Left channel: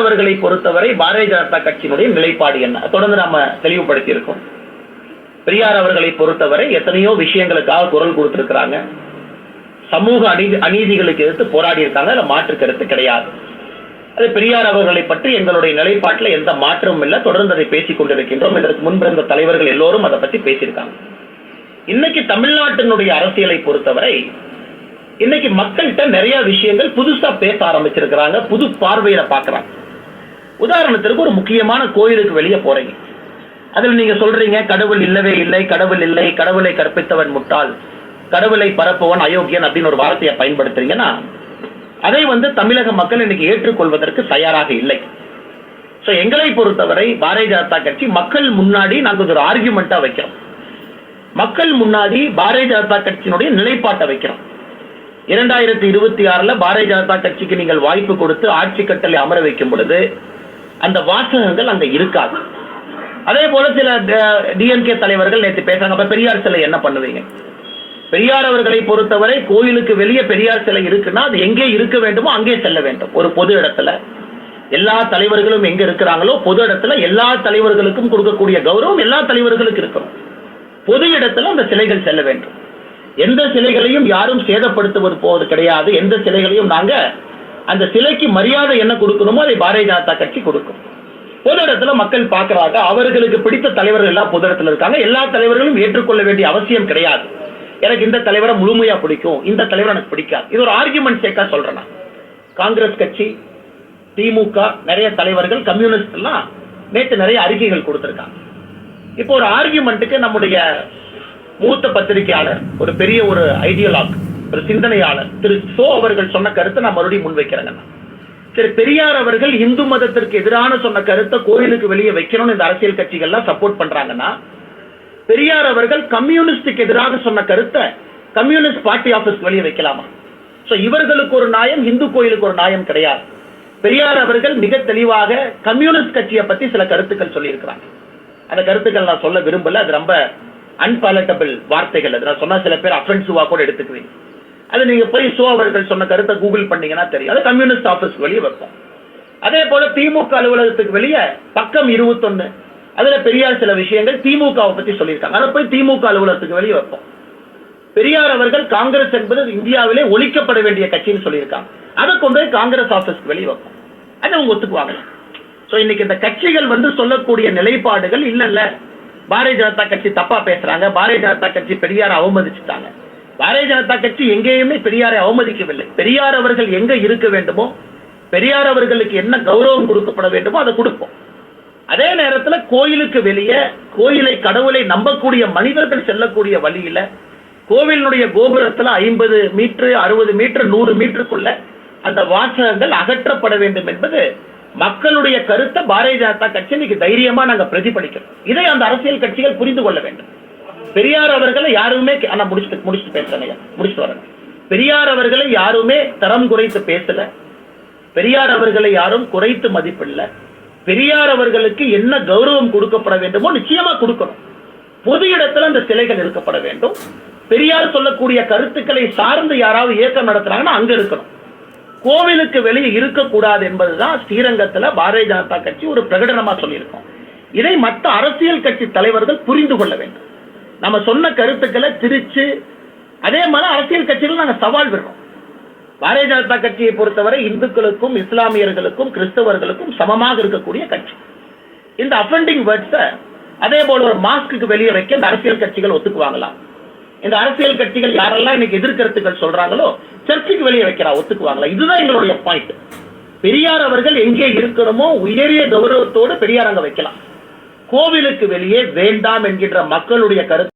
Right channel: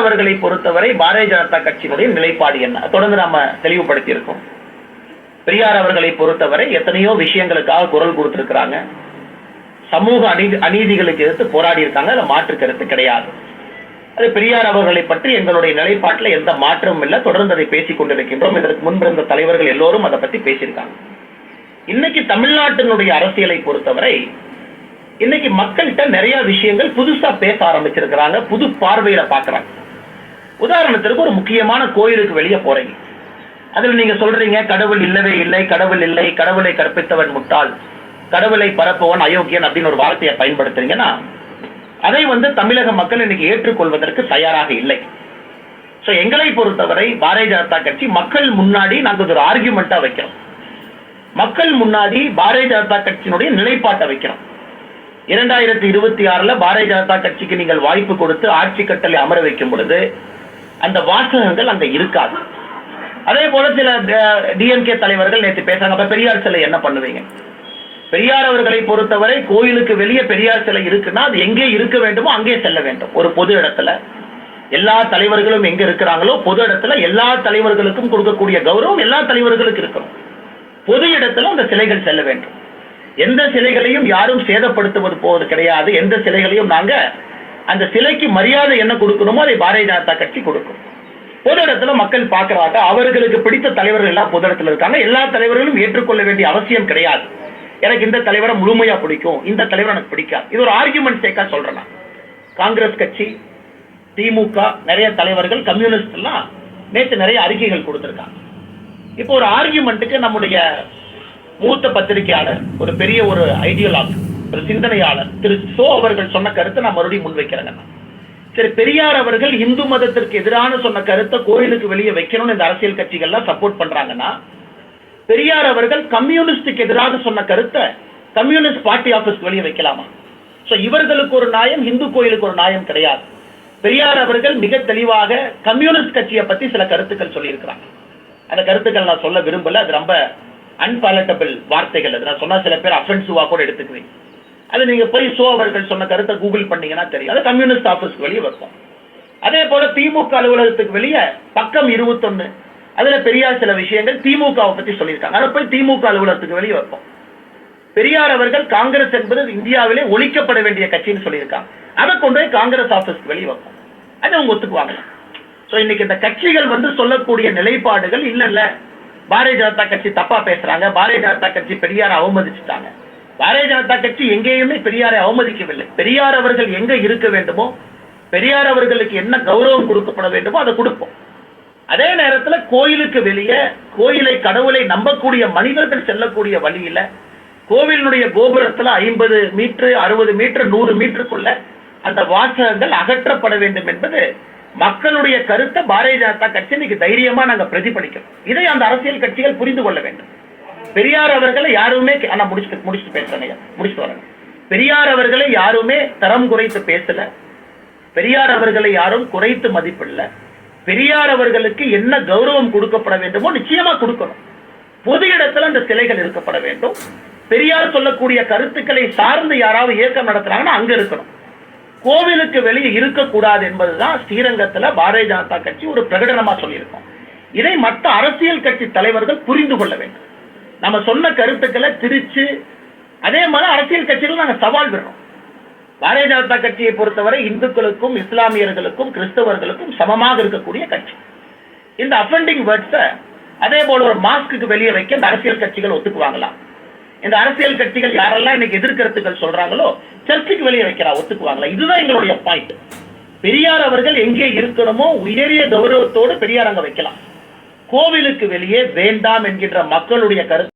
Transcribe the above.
அவர்களை பொறுத்தவரை பாரதிய ஜனதா கட்சியினுடைய நிலைப்பாடு என்ன? தொடர்ந்து நாம தெளிவுபடுத்தி இருக்கோம் பெரியார் அவர்களை பொறுத்தவரை எத்தனையோ விஷயங்களுக்காக குரல் கொடுத்திருக்கிறாங்க. சமூக அநீதி அநீதிகளுக்கு எதிர்த்து போராடி இருக்காங்க. அதுல மாற்று கருத்து கிடையாது. அது பெரியார் அவர்களை பற்றி எங்களுடைய நிலைப்பாட்டில் எந்த மாற்றமும் இல்லை. தொடர்ந்து அதை பேசிக் கொண்டிருக்கின்றோம். இதற்கு முன்பிருந்த தலைவர்கள் எல்லோரும் அதை பத்தி பேசியிருக்காங்க. இன்னைக்கு தமிழ்நாட்டினுடைய அரசியலை பொறுத்தவரை இன்னைக்கு மக்கள்கிட்ட நிறைய விஷயங்கள் புதுசா பேச ஆரம்பிச்சிருக்கிறாங்க. புது பார்வையில பாக்குறாங்க. உதாரணத்திற்கு ஒரு முக்கியமான கோயிலுக்கு வெளியே போறீங்க. அதுல நீங்க சொல்றீங்க கடவுள் இல்லவே இல்லை கடவுள் இல்லை கடவுளை கற்பித்தவன் முட்டாள் கடவுளை பரப்பவன் அயோக்கியன் அப்படின்னு ஒரு வார்த்தையை பயன்படுத்துறீங்கன்னா அதை வந்து தமிழக மக்கள் இன்னைக்கு ஏற்றுக்கொள்வதற்கு தயாராக இல்லை. ஸோ எங்களை பொறுத்தவரை பாரதிய ஜனதா கட்சி மக்கள் முன்னாடி நாங்க ஒரு ஆர்கியூமெண்ட்டா வைக்கிறோம். மக்கள் முன்னாடி பாரதிய ஜனதா கட்சியினுடைய நிலைப்பாட்டை வைக்கிறோம். இரண்டாயிரத்தி இருபத்தி ஆறுல பாரதிய ஜனதா கட்சிக்கு நீங்கள் வாய்ப்பு கொடுத்து ஆட்சி கட்டளை அமர வைக்கும் பொழுது அந்த வாசகங்கள் அங்க இருக்காது. அதே போல சில டிஎம்கே தலைவர்கள் நேற்று பேசுறாங்க. அப்ப பெரியார் சிலை என்ன பண்ணுவீங்க? பெரியார் அவர்களை பொறுத்தவரை கோயிலுக்கு வெளியே பெரியார் சிலை இருக்குன்னா அது எங்கே இருக்க வேண்டுமோ அங்கே செல்ல வேண்டும். ஒரு பொது இடத்துல எல்லா தலைவர்களும் எங்க இருக்கிறாங்களோ பொது இடத்துல எல்லா தலைவர்களுக்கும் கொடுக்கக்கூடிய கௌரவம் எல்லா தலைவர்களுக்கும் இருக்கணும். பொது இடத்துல அந்த சிலைகள் செல்ல வேண்டும். எந்த சிலைகளையும் யாரும் சேதப்படுத்துவது போவது கிடையாது. எந்த சிலைகளையும் நாங்க அந்த சிலைக்கு மரியாதை என்ன கொடுக்கணுமோ அதை பாரதிய ஜனதா கட்சி கொடுக்கும். பொது இடத்துல மக்கள் பார்க்கறாங்க அவர்களுக்கு பிடித்த தலைவர்கள் எல்லாம் பொது இடத்துல இருக்காங்க. எல்லா தலைவர்களும் ஏற்றுக்கொள்ள வேண்டிய அவசியம் கிடையாது. எனக்கு இந்த தலைவரை முழுமையா பிடிக்கும் இந்த தலைவர் எனக்கு பிடிக்காது. இது ஒரு ஆர்குமெண்ட் சேக்கா சொல்றேன் காங்கிரஸ் கட்சி திமுக நிறைய தலைவர்கள் கம்யூனிஸ்ட் எல்லாம் நேற்று நிறைய அறிக்கைகள் கொடுத்திருக்காங்க. இப்போ ஒரு ஆர்குமெண்ட்டுக்கு நம்முடைய மூத்த பத்திரிகையாளர் ஒரு பெரிய ஒரு ஐடியலாக் ஒரு சிந்தனையாளர். திரு சோ அவர்கள் சொன்ன கருத்தை நான் மறுபடியும் முன்வைக்கிறேங்க. நான். சரி பெரியார் அவர்கள் இந்து மதத்திற்கு எதிரான சொன்ன கருத்தை கோயிலுக்கு வெளியே வைக்கணும்னு இந்த அரசியல் கட்சிகள்லாம் சப்போர்ட் பண்றாங்கன்னா பெரியார் அவர்கள் கம்யூனிஸ்டுக்கு எதிராக சொன்ன கருத்தை கம்யூனிஸ்ட் பார்ட்டி ஆபீஸ் வெளியே வைக்கலாமா? சோ இவர்களுக்கு ஒரு நியாயம் இந்து கோயிலுக்கு ஒரு நியாயம் கிடையாது. பெரியார் அவர்கள் மிக தெளிவாக கம்யூனிஸ்ட் கட்சியை பத்தி சில கருத்துக்கள் சொல்லியிருக்கிறாங்க. அந்த கருத்துக்கள் நான் சொல்ல விரும்பல அது ரொம்ப அன்பாலட்டபிள் வார்த்தைகள். அது நான் சொன்னா சில பேர் அஃபென்சிவா கூட எடுத்துக்குவீங்க. அது நீங்க போய் சோ அவர்கள் சொன்ன கருத்தை கூகுள் பண்ணீங்கன்னா தெரியும். அது கம்யூனிஸ்ட் ஆபீஸ் வெளியே வைப்போம். அதே போல திமுக அலுவலகத்துக்கு வெளியே பக்கம் இருபத்தொன்னு. அதுல பெரியார் சில விஷயங்கள் திமுகவை பத்தி சொல்லியிருக்காங்க. அதை போய் திமுக அலுவலகத்துக்கு வெளியே வைப்போம். பெரியார் அவர்கள் காங்கிரஸ் என்பது இந்தியாவிலே ஒழிக்கப்பட வேண்டிய கட்சின்னு சொல்லியிருக்காங்க. அதை கொண்டு போய் காங்கிரஸ் ஆபீஸ்க்கு வெளியே வைப்போம். அதை அவங்க ஒத்துக்குவாங்க. சோ இன்னைக்கு இந்த கட்சிகள் வந்து சொல்லக்கூடிய நிலைப்பாடுகள் இல்ல இல்ல பாரதிய ஜனதா கட்சி தப்பா பேசுறாங்க. பாரதிய ஜனதா கட்சி பெரியாரை அவமதிச்சுட்டாங்க. பாரதிய ஜனதா கட்சி எங்கேயுமே பெரியாரை அவமதிக்கவில்லை. பெரியார் அவர்கள் எங்க இருக்க வேண்டுமோ பெரியார் அவர்களுக்கு என்ன கௌரவம் கொடுக்கப்பட வேண்டுமோ அதை கொடுப்போம். அதே நேரத்துல கோயிலுக்கு வெளியே கோயிலை கடவுளை நம்பக்கூடிய மனிதர்கள் செல்லக்கூடிய வழியில கோவிலினுடைய கோபுரத்துல ஐம்பது மீட்டர் அறுபது மீட்டர் நூறு மீட்டருக்குள்ள அந்த வாசகங்கள் அகற்றப்பட வேண்டும் என்பது மக்களுடைய கருத்தை பாரதிய ஜனதா கட்சி இன்னைக்கு தைரியமா நாங்க பிரதிபலிக்கிறோம். இதை அந்த அரசியல் கட்சிகள் புரிந்து கொள்ள வேண்டும். பெரியார் அவர்களை யாருமே ஆனா முடிச்சுட்டு முடிச்சுட்டு பேசுறேன் முடிச்சுட்டு வரேன். பெரியார் அவர்களை யாருமே தரம் குறைத்து பேசல. பெரியார் அவர்களை யாரும் குறைத்து மதிப்பில்லை பெரியார் அவர்களுக்கு என்ன கௌரவம் கொடுக்கப்பட வேண்டுமோ நிச்சயமா கொடுக்கணும். பொது இடத்துல அந்த சிலைகள் இருக்கப்பட வேண்டும். பெரியார் சொல்லக்கூடிய கருத்துக்களை சார்ந்து யாராவது இயக்கம் நடத்துறாங்கன்னா அங்க இருக்கணும். கோவிலுக்கு வெளியே இருக்கக்கூடாது என்பதுதான் ஸ்ரீரங்கத்துல பாரதிய ஜனதா கட்சி ஒரு பிரகடனமா சொல்லியிருக்கோம். இதை மற்ற அரசியல் கட்சி தலைவர்கள் புரிந்து கொள்ள வேண்டும். நம்ம சொன்ன கருத்துக்களை திரிச்சு அதே மாதிரி அரசியல் கட்சிகள் நாங்க சவால் விடுறோம். பாரதிய ஜனதா கட்சியை பொறுத்தவரை இந்துக்களுக்கும் இஸ்லாமியர்களுக்கும் கிறிஸ்தவர்களுக்கும் சமமாக இருக்கக்கூடிய கட்சி. இந்த அஃபெண்டிங் வேர்ட்ஸை அதே போல ஒரு மாஸ்க்கு வெளியே வைக்க இந்த அரசியல் கட்சிகள் ஒத்துக்குவாங்களாம் இந்த அரசியல் கட்சிகள் யாரெல்லாம் இன்னைக்கு எதிர்கருத்துக்கள் சொல்றாங்களோ சர்ச்சுக்கு வெளியே வைக்கிறா ஒத்துக்குவாங்களா? இதுதான் எங்களுடைய பாயிண்ட் பெரியார் அவர்கள் எங்கே இருக்கணுமோ உயரிய கௌரவத்தோடு பெரியார் அங்க வைக்கலாம். கோவிலுக்கு வெளியே வேண்டாம் என்கின்ற மக்களுடைய கருத்து